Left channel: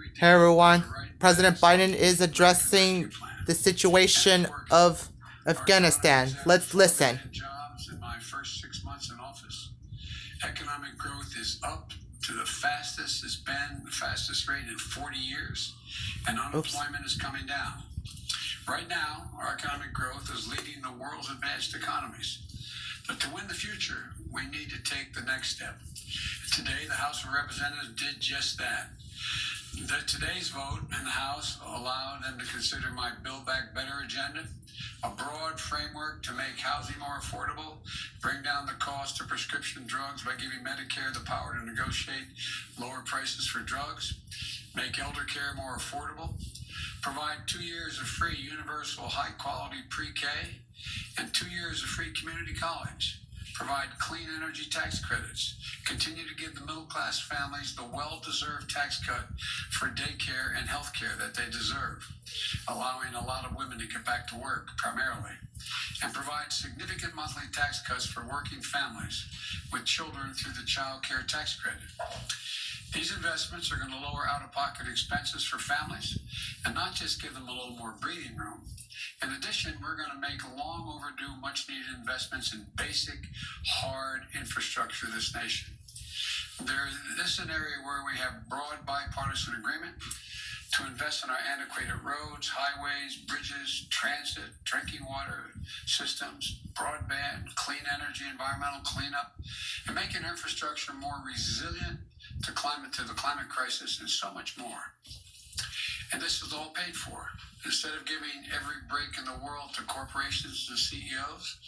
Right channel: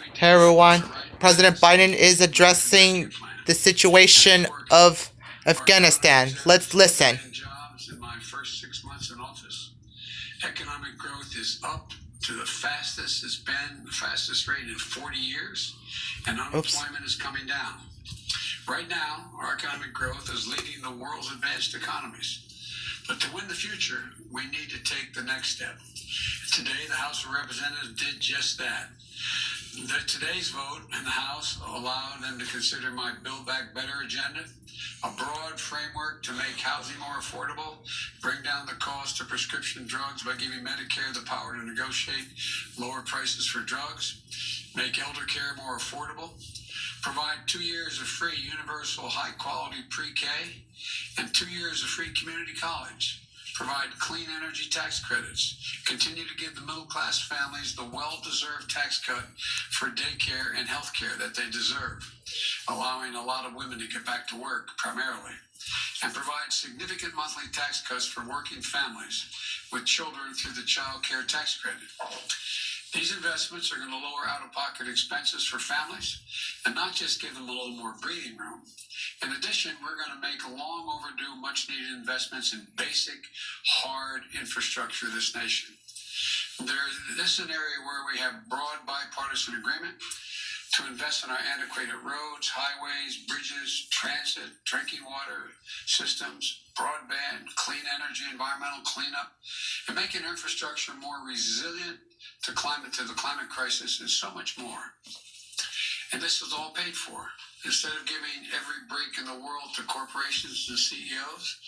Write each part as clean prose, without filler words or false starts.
Hey everyone, President Biden is addressing the situation of Afghanistan. Let's listen. Jobs in my first 6 months in office. Economic growth is up to the fastest it's been, the fastest rate in 40 years, and unemployment is coming down. Right now, our economic growth is leading the world's advanced economies. But to win the future, we need to take the next step. Today, the House of Representatives did just that. Today's vote in the House allowed them to consider my Build Back Better agenda, a broad framework to make housing more affordable, bring down the cost of prescription drugs by giving Medicare the power to negotiate lower prices for drugs, make elder care more affordable, provide 2 years of free universal high-quality pre-K, and 2 years of free community college, provide clean energy tax credits, continue to give the middle-class families the well-deserved tax cut for daycare and health care that they deserve, allowing a lot of women to get back to work primarily, and provide significant monthly tax cuts for working families with children through the child care tax credit. These investments are going to lower out-of-pocket expenses for families and not just give them a little more breathing room. In addition, we're going to make long overdue, much-needed investments in basic, hard infrastructure of this nation. This is an area where we have broad bipartisan agreement to invest in our antiquated roads, highways, bridges, transit, drinking water systems, broadband, clean energy, environmental cleanup, and making infrastructure more resilient to the climate crisis, and so much more. And this is all paid for. Instead of giving every break in the world to corporations and CEOs,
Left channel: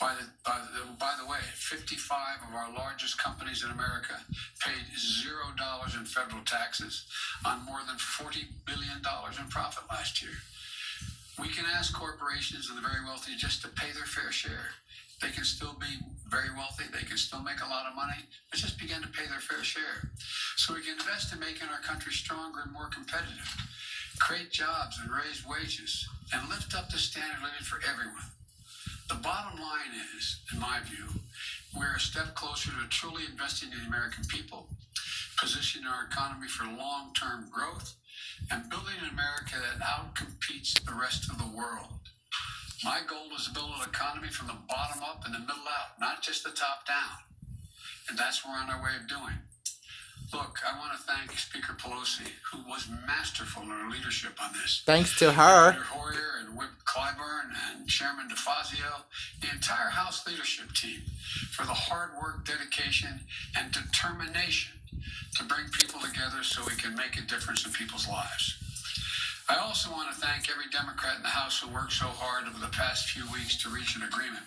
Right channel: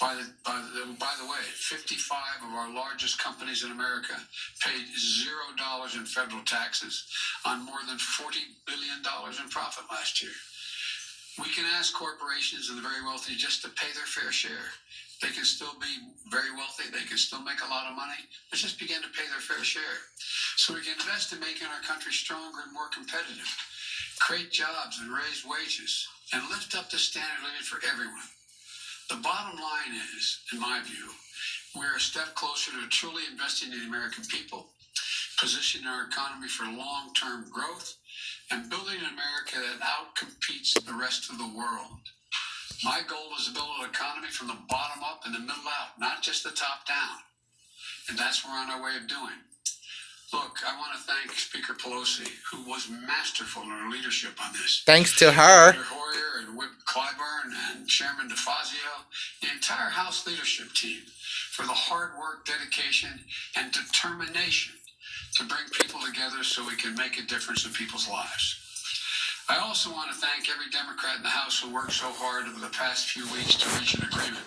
by the way, 55 of our largest companies in America paid $0 in federal taxes on more than $40 billion in profit last year. We can ask corporations and the very wealthy just to pay their fair share. They can still be very wealthy. They can still make a lot of money, but just begin to pay their fair share. So we can invest in making our country stronger and more competitive, create jobs and raise wages, and lift up the standard of living for everyone. The bottom line is, in my view, we're a step closer to truly investing in the American people, positioning our economy for long-term growth, and building an America that outcompetes the rest of the world. My goal is to build an economy from the bottom up and the middle out, not just the top down. And that's what we're on our way of doing. Look, I want to thank Speaker Pelosi, who was masterful in her leadership on this. Thanks to her. Senator Hoyer and Whip Clyburn and Chairman DeFazio, the entire House leadership team, for the hard work, dedication, and determination to bring people together so we can make a difference in people's lives. I also want to thank every Democrat in the House who worked so hard over the past few weeks to reach an agreement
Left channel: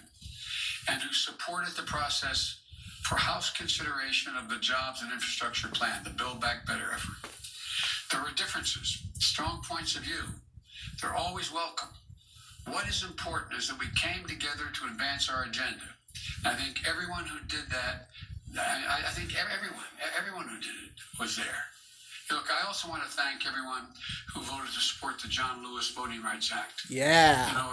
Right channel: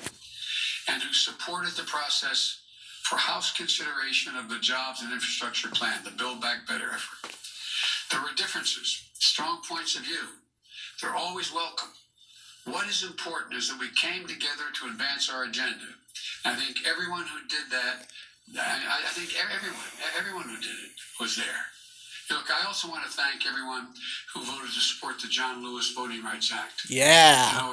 and who supported the process for House consideration of the Jobs and Infrastructure Plan, the Build Back Better effort. There were differences, strong points of view. They're always welcome. What is important is that we came together to advance our agenda. I think everyone who did that, I think everyone who did it was there. Look, I also want to thank everyone who voted to support the John Lewis Voting Rights Act. Yeah.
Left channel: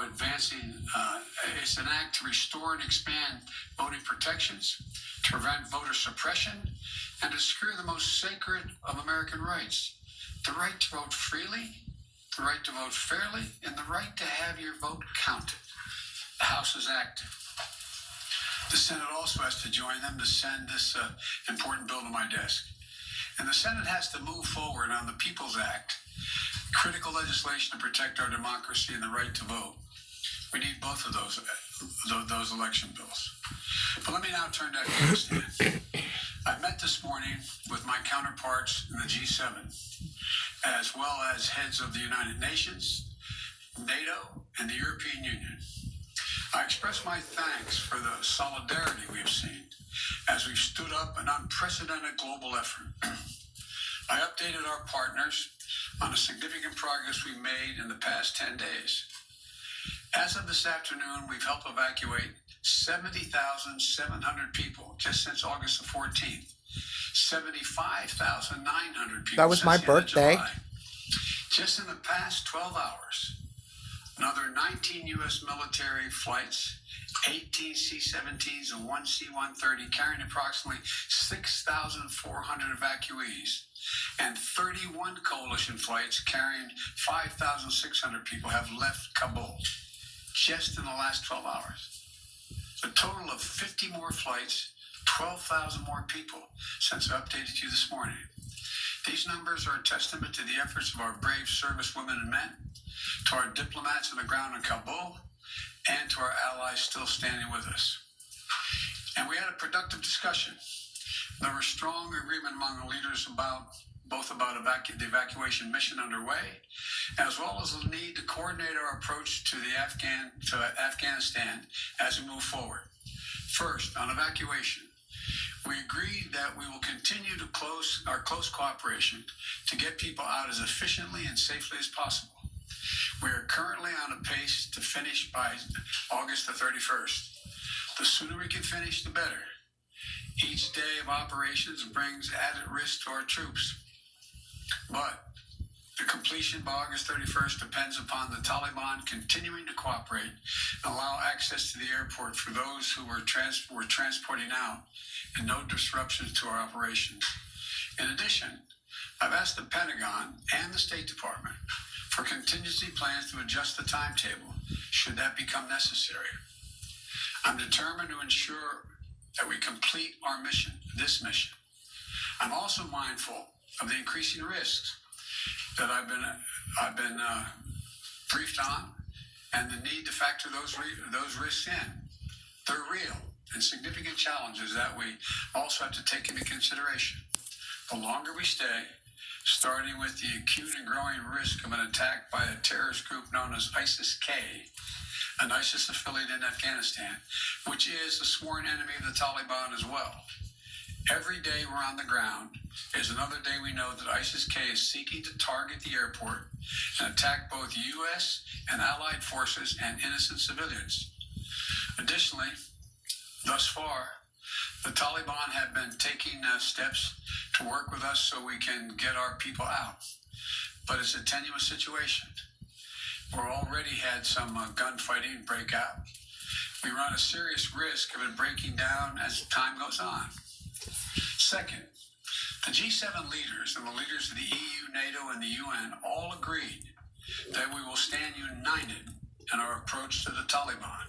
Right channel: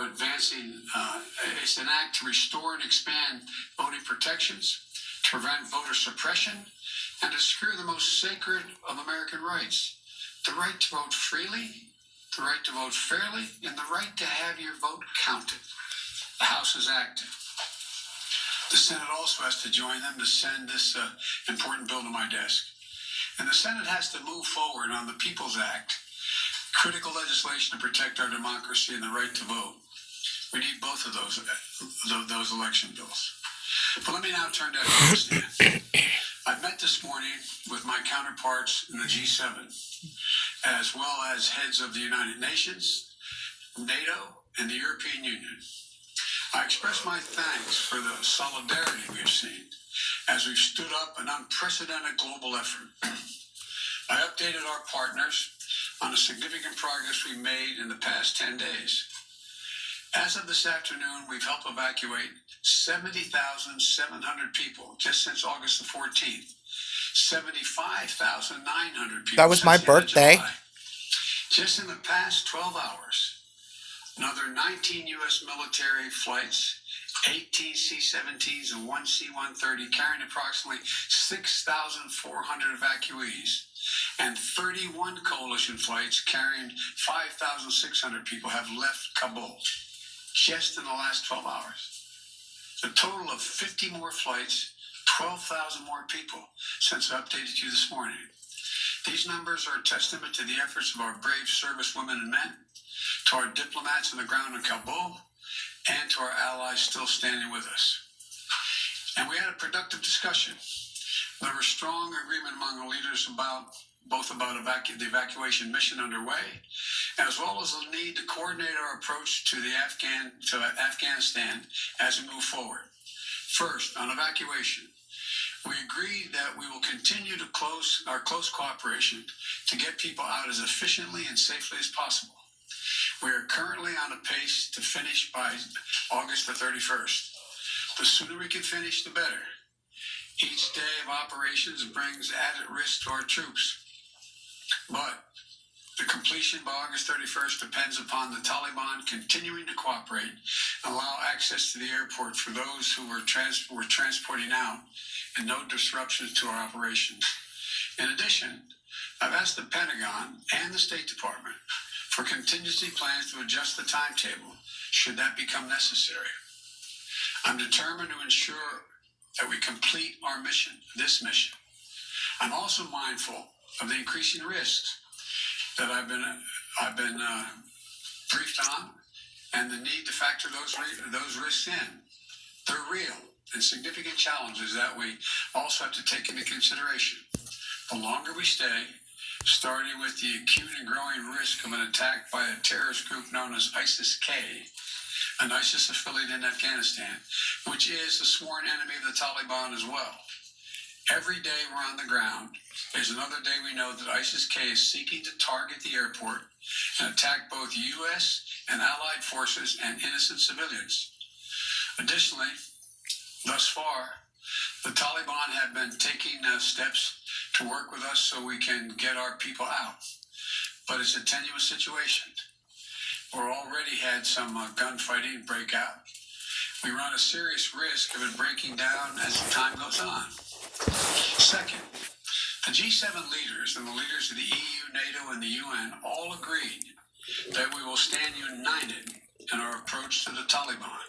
It's an act to restore and expand voting protections, to prevent voter suppression, and to secure the most sacred of American rights: the right to vote freely, the right to vote fairly, and the right to have your vote counted. The House is active. The Senate also has to join them to send this important bill to my desk. And the Senate has to move forward on the People's Act, critical legislation to protect our democracy and the right to vote. We need both of those election bills. But let me now turn to Afghanistan. I met this morning with my counterparts in the G7, as well as heads of the United Nations, NATO, and the European Union. I express my thanks for the solidarity we have seen as we've stood up an unprecedented global effort. I updated our partners on the significant progress we made in the past 10 days. As of this afternoon, we've helped evacuate 70,700 people just since August the 14th, 75,900 people. That was my birthday. Just in the past 12 hours, another 19 U.S. military flights, 18 C-17s and one C-130 carrying approximately 6,400 evacuees and 31 coalition flights carrying 5,600 people have left Kabul just in the last 12 hours. A total of 50 more flights, 12,000 more people since I updated you this morning. These numbers are a testament to the efforts of our brave servicewomen and men, to our diplomats on the ground in Kabul, and to our allies still standing with us. And we had a productive discussion. There was strong agreement among the leaders about the evacuation mission underway, as well as the need to coordinate our approach to Afghanistan as we move forward. First, on evacuation, we agreed that we will continue to our close cooperation to get people out as efficiently and safely as possible. We are currently on a pace to finish by August the 31st. The sooner we can finish, the better. Each day of operations brings added risk to our troops. But the completion by August 31st depends upon the Taliban continuing to cooperate and allow access to the airport for those who were transporting out and no disruptions to our operations. In addition, I've asked the Pentagon and the State Department for contingency plans to adjust the timetable should that become necessary. I'm determined to ensure that we complete our mission, this mission. I'm also mindful of the increasing risks that I've been briefed on, and the need to factor those risks in. They're real and significant challenges that we also have to take into consideration. The longer we stay, starting with the acute and growing risk of an attack by a terrorist group known as ISIS-K, an ISIS affiliate in Afghanistan, which is a sworn enemy of the Taliban as well. Every day we're on the ground is another day we know that ISIS-K is seeking to target the airport and attack both U.S. and allied forces and innocent civilians. Additionally, thus far, the Taliban have been taking steps to work with us so we can get our people out. But it's a tenuous situation. We've already had some gunfighting break out. We run a serious risk of it breaking down as time goes on. Second, the G7 leaders and the leaders of the EU, NATO, and the UN all agreed that we will stand united in our approach to the Taliban.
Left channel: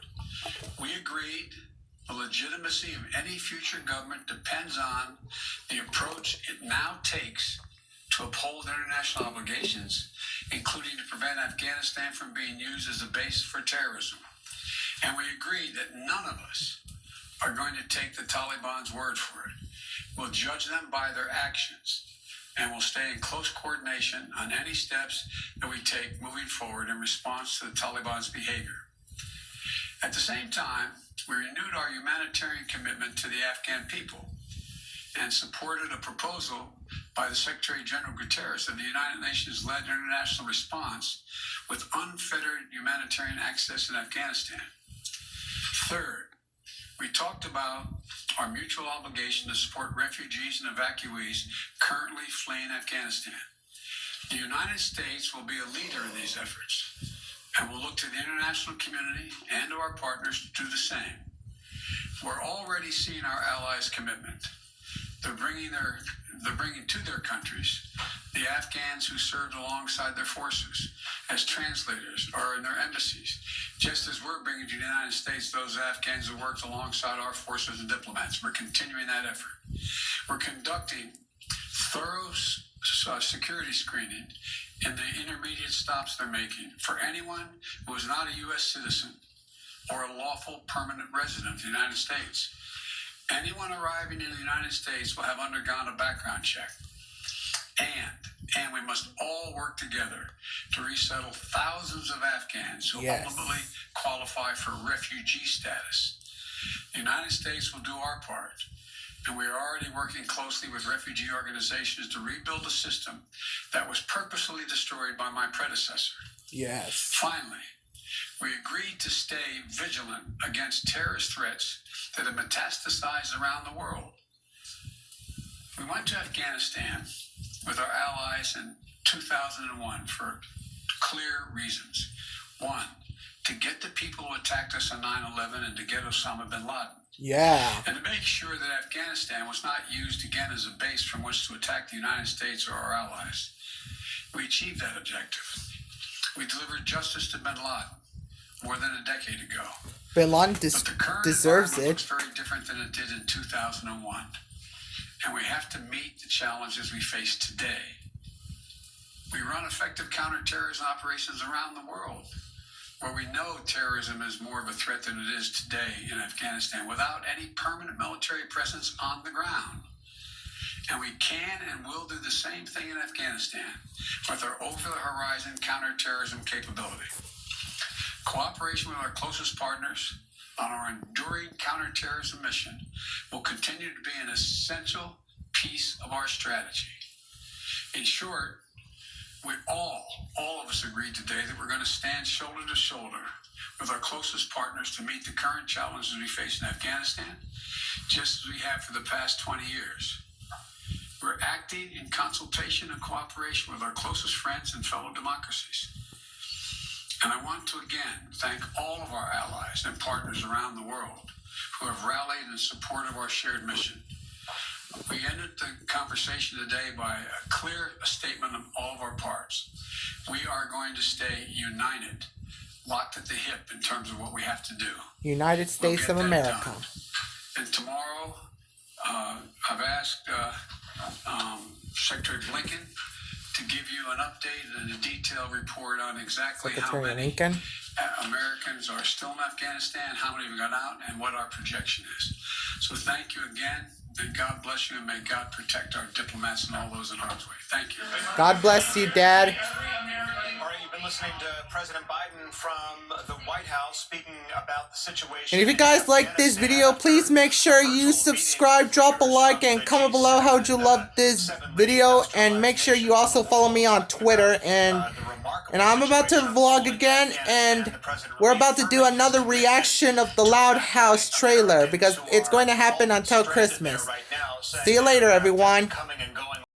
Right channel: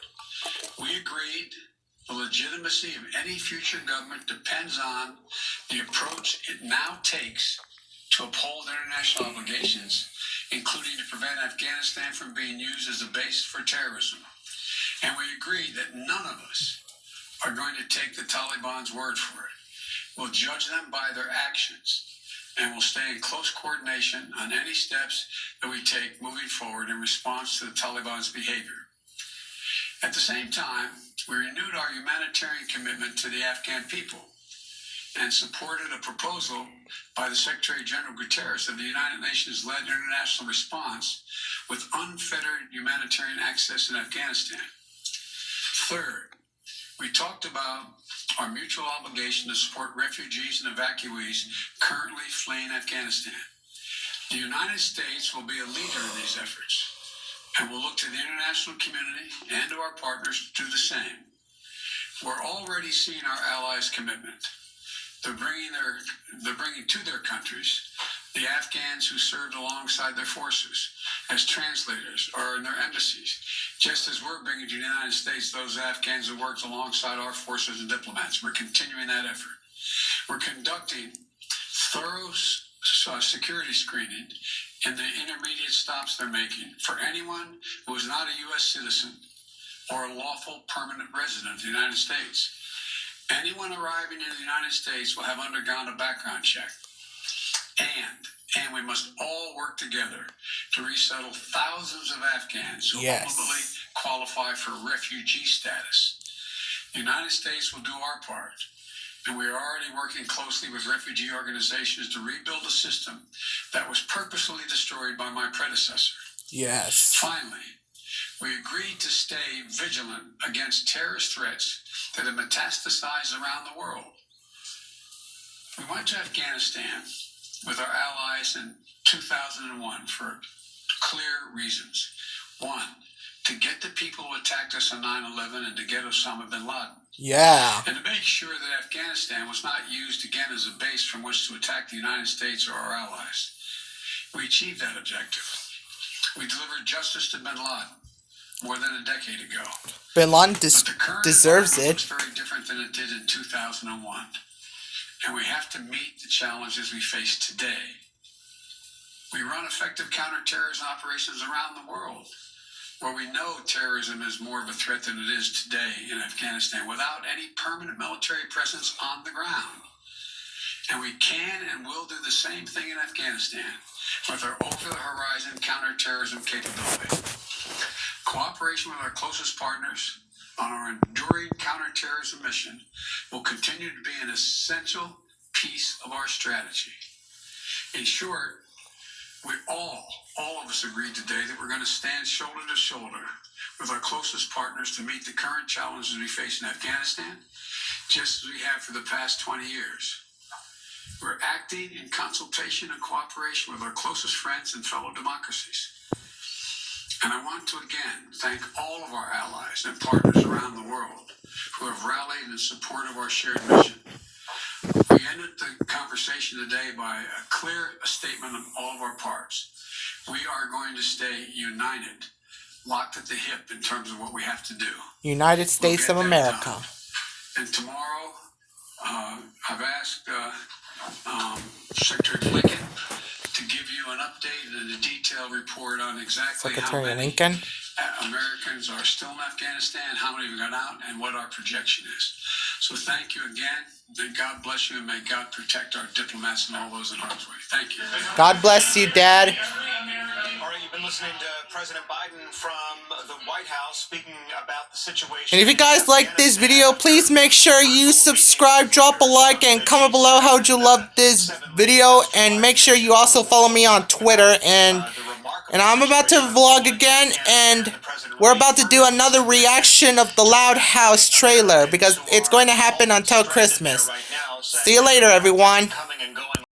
We agreed the legitimacy of any future government depends on the approach it now takes to uphold international obligations, including to prevent Afghanistan from being used as a base for terrorism. And we agreed that none of us are going to take the Taliban's word for it. We'll judge them by their actions, and we'll stay in close coordination on any steps that we take moving forward in response to the Taliban's behavior. At the same time, we renewed our humanitarian commitment to the Afghan people and supported a proposal by the Secretary General Guterres of the United Nations-led international response with unfettered humanitarian access in Afghanistan. Third, we talked about our mutual obligation to support refugees and evacuees currently fleeing Afghanistan. The United States will be a leader in these efforts, and we'll look to the international community and to our partners to do the same. We're already seeing our allies' commitment. They're bringing to their countries the Afghans who served alongside their forces as translators or in their embassies, just as we're bringing to the United States those Afghans who worked alongside our forces and diplomats. We're continuing that effort. We're conducting thorough security screening in the intermediate stops they're making for anyone who is not a U.S. citizen or a lawful permanent resident of the United States. Anyone arriving in the United States will have undergone a background check. And we must all work together to resettle thousands of Afghans who ultimately qualify for refugee status. The United States will do our part, and we are already working closely with refugee organizations to rebuild a system that was purposefully destroyed by my predecessor. Yes. Finally, we agreed to stay vigilant against terrorist threats that have metastasized around the world. We went to Afghanistan with our allies in 2001 for clear reasons. One, to get the people who attacked us on 9/11 and to get Osama bin Laden. Yeah. And to make sure that Afghanistan was not used again as a base from which to attack the United States or our allies. We achieved that objective. We delivered justice to bin Laden more than a decade ago. Bin Laden But the current deserves environment it. looks very different than it did in 2001. And we have to meet the challenges we face today. We run effective counterterrorism operations around the world, where we know terrorism is more of a threat than it is today in Afghanistan, without any permanent military presence on the ground. And we can and will do the same thing in Afghanistan with our over-the-horizon counterterrorism capability. Cooperation with our closest partners on our enduring counterterrorism mission will continue to be an essential piece of our strategy. In short, we all of us agreed today that we're going to stand shoulder to shoulder with our closest partners to meet the current challenges we face in Afghanistan, just as we have for the past 20 years. We're acting in consultation and cooperation with our closest friends and fellow democracies. And I want to again thank all of our allies and partners around the world who have rallied in support of our shared mission. We ended the conversation today by a clear statement of all of our parts. We are going to stay united, locked at the hip in terms of what we have to do. United States of America. And tomorrow, I've asked Secretary Blinken to give you an update and a detailed report on exactly Secretary how many Lincoln. Americans are still in Afghanistan, how many have gone out, and what our projection is. So thank you again, and God bless you, and may God protect our diplomats and all those in harm's way. Thank you. God bless you, Dad. All right, you've been listening to President Biden from the White House speaking about the situation. And if you guys like this video, please make sure you subscribe, drop a like, and comment below how you love this video. And make sure you also follow me on Twitter. And I'm about to vlog again, and we're about to do another reaction of the Loud House trailer, because it's going to happen until Christmas. See you later, everyone. Coming and going.